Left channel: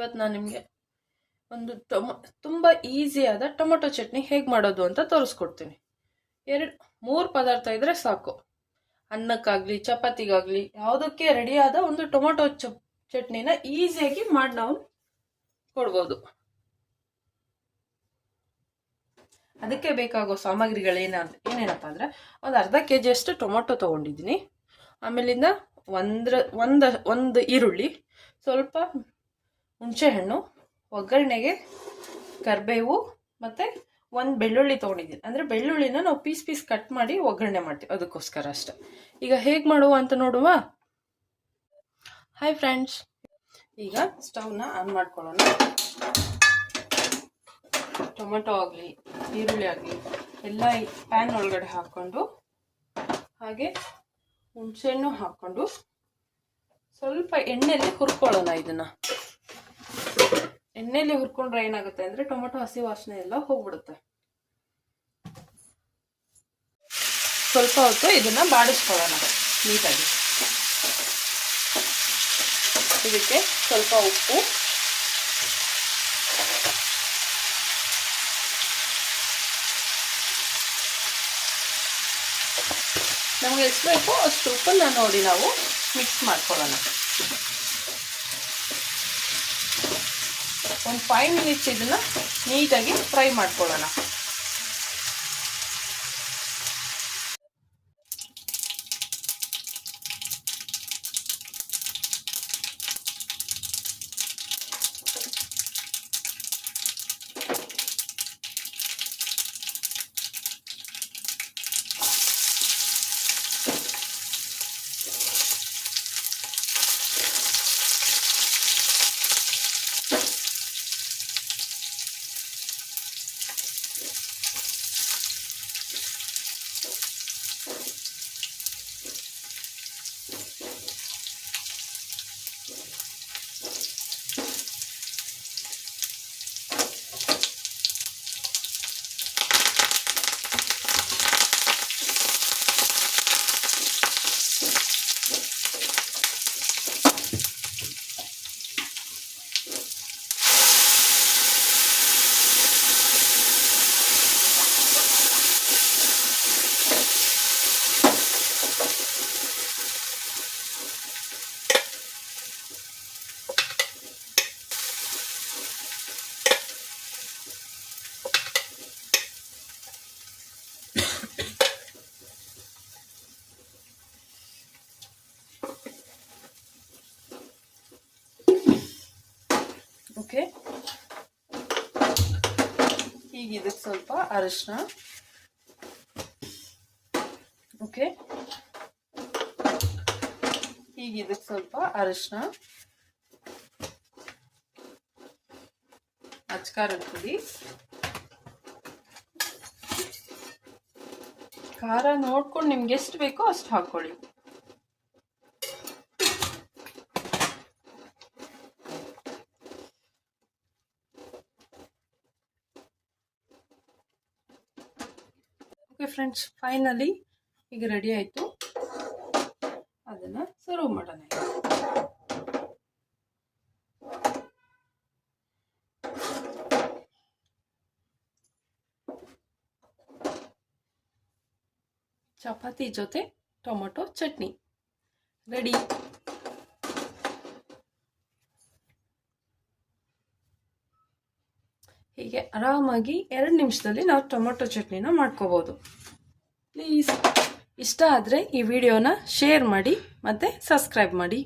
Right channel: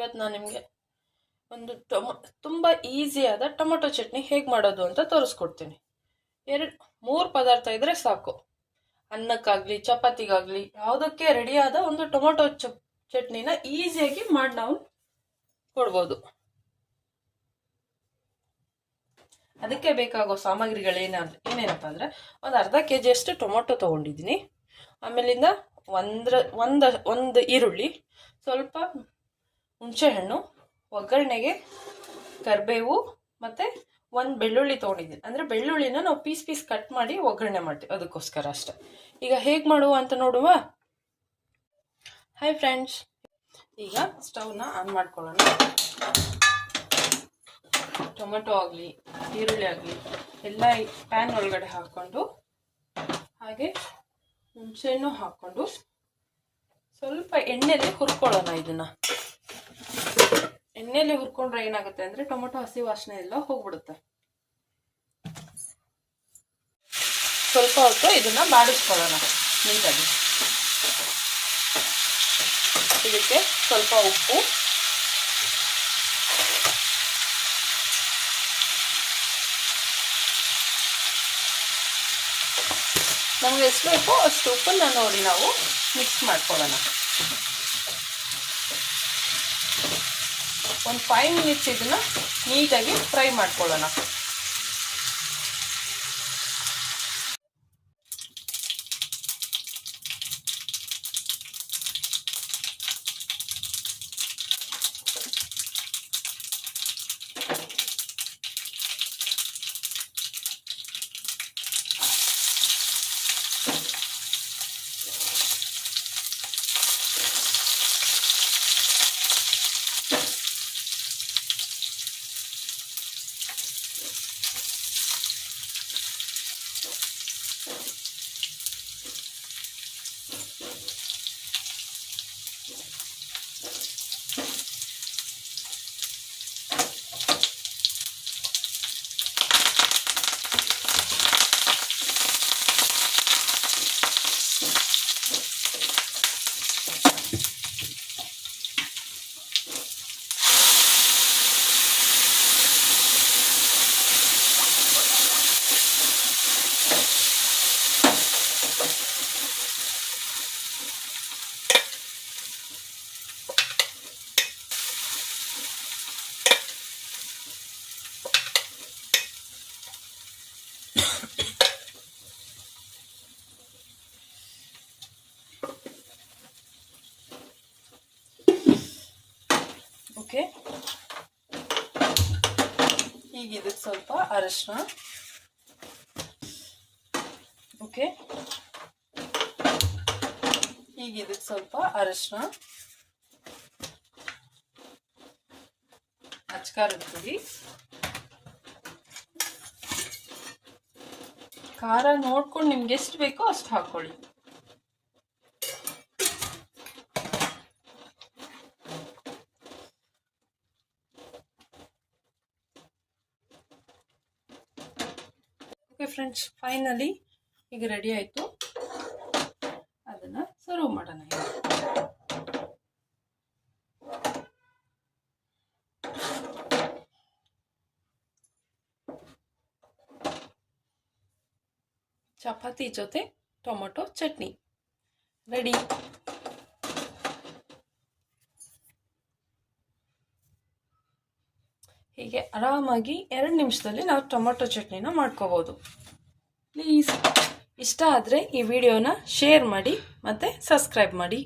ಇವತ್ತು ನಾನು ನಿಮಗೆ ಒಂದು ತುಂಬ ಈಸಿಯಾದ ಟೊಮೊಟೊ ಚಟ್ನಿ ಹೇಗೆ ಮಾಡೋದು ಅಂತ ತೋರಿಸ್ಕೊಡ್ತೀನಿ. 3 ಪದಾರ್ಥ ಇದ್ದರೆ ಸಾಕು. ಅನ್ನಕ್ಕಾಗಲಿ ಚಪಾತಿಗಾಗಲಿ ಯಾವುದಕ್ಕೆ ರೆಡಿಯಾದ ಒಂದು ಟೊಮೊಟೊ ಚಟ್ನಿನ ಈಸಿಯಾಗಿ ಮಾಡಿ ನಾವು ಕೊಡ್ಬೋದು. ಅದಕ್ಕೆ ಬೇಕಾಗೋ ಸಾಮಗ್ರಿಗಳು ಏನೇನಪ್ಪ ಅಂದರೆ, ಒಂದು ಅರ್ಧ kg ಅಷ್ಟು ಟೊಮೊಟೊ ತೊಗೊಂಡಿದ್ದೀನಿ. ಆಮೇಲಿಂದ ಒಂದು ಈರುಳ್ಳಿ, ಸ್ವಲ್ಪ ಹುಣಸೆಹಣ್ಣು, ಒಗ್ಗರಣೆಗೆ ಕರಿಬೇವು ಮತ್ತು ಒಂದು ಬೆಳ್ಳುಳ್ಳಿ ತೊಗೊಂಡಿದ್ದೀನಿ. ಅಂದರೆ ಬೆಳ್ಳುಳ್ಳಿನ ನಾವು ಪೀಸ್ ಕಟ್ ಮಾಡಿ ಒಗ್ಗರಣೆ ಮಾಡ್ತೀವಿ, ಅದಕ್ಕೋಸ್ಕರ ಅಷ್ಟೆ. ಈಗ ಹೇಗೆ ಮಾಡುವ ಅಂತ ನೋಡುವ. ಹಾಯ್ ಫ್ರೆಂಡ್ಸ್, ಈಗ ಸ್ಟವ್ನ ಆನ್ ಮಾಡ್ಕೊಳ್ಳೋಣ. ಟೊಮೆಟೊ ಆಗಲಿ ಈರುಳ್ಳಿ ಆಗಲಿ ಎಲ್ಲ ಪ್ಯಾನ್ ಒಳಗಡೆ ಹಾಕ್ಕೊಂಡು, ಹಾಗೆ ಹುಣಸೆಹಣ್ಣು ಹಾಕ್ಕೊಂಡು ಸ್ವಲ್ಪ ಎಣ್ಣೆಯಲ್ಲಿ ಹುರ್ಕೊಳ್ಳೋಣ. ಇದನ್ನು ಎಣ್ಣೆಯಲ್ಲಿ ಹುರ್ಕೊಂಡ್ರೆ ಏನಾಗುತ್ತೆ ಅಂದರೆ ಟೊಮೆಟೊ ಹಸಿ ವಾಸನೆ ಎಲ್ಲ ಹೋಗ್ಬಿಡುತ್ತೆ. ಸ್ವಲ್ಪ ಹೊತ್ತು ಇದನ್ನು ಬಾಡಿಸ್ಕೊಳ್ಳೋಣ ನೀಟಾಗಿ. ಇದಕ್ಕೆ ಸ್ವಲ್ಪ ಉಪ್ಪು, ನಮಗೆ ಎಷ್ಟು ಬೇಕೋ ಅಷ್ಟು ಉಪ್ಪನ್ನು ನೋಡಿ ನಾವು ಮಿಕ್ಸ್ ಮಾಡ್ಕೊಳ್ಳೋಣ. ಒಂದು 5 ಮಿನಿಟ್ಸ್ ಇದನ್ನು ನೀಟಾಗಿ ಫ್ರೈ ಮಾಡ್ಕೊಳ್ಳೋಣ. ಓಕೆ, ಈಗ ಇದಕ್ಕೆ ಸ್ವಲ್ಪ ಅರಿಶಿನ. ಓಕೆ, ಈಗ ಇದಕ್ಕೆ ಸ್ವಲ್ಪ ಅರಿಶಿನ, ಅಚ್ಕಾರದ ಪುಡಿ, ಖಾರ ನೋಡ್ಕೊಂಡು ನಿಮ್ಗೆ ಎಷ್ಟು ಬೇಕೋ ಅಷ್ಟು ಹಾಕ್ಕೊಳ್ಳಿ. ಓಕೆ ಫ್ರೆಂಡ್ಸ್, ಫೈನಲಿ ಈಗ ರೆಡಿ ಆಯಿತು. ಅದನ್ನು ಸರ್ವ್ ಮಾಡೋಣ. ಚಪಾತಿ ಜೊತೆ ಟೊಮೊಟೊ ಚಟ್ನಿ ರೆಡಿ. ಹೀಗೆ ಆರಾಮಾಗಿ 2 ನಿಮಿಷದಲ್ಲಿ ನಾವು ಟೊಮೊಟೊ ಚಟ್ನಿನ ಮಾಡ್ಕೋಬೋದು. ಪ್ಲೀಸ್ ಇಷ್ಟ ಆದರೆ ಈ ವಿಡಿಯೋನ ಶೇರ್ ಮಾಡಿ ಮತ್ತು ಸಬ್ಸ್ಕ್ರೈಬ್ ಮಾಡಿ.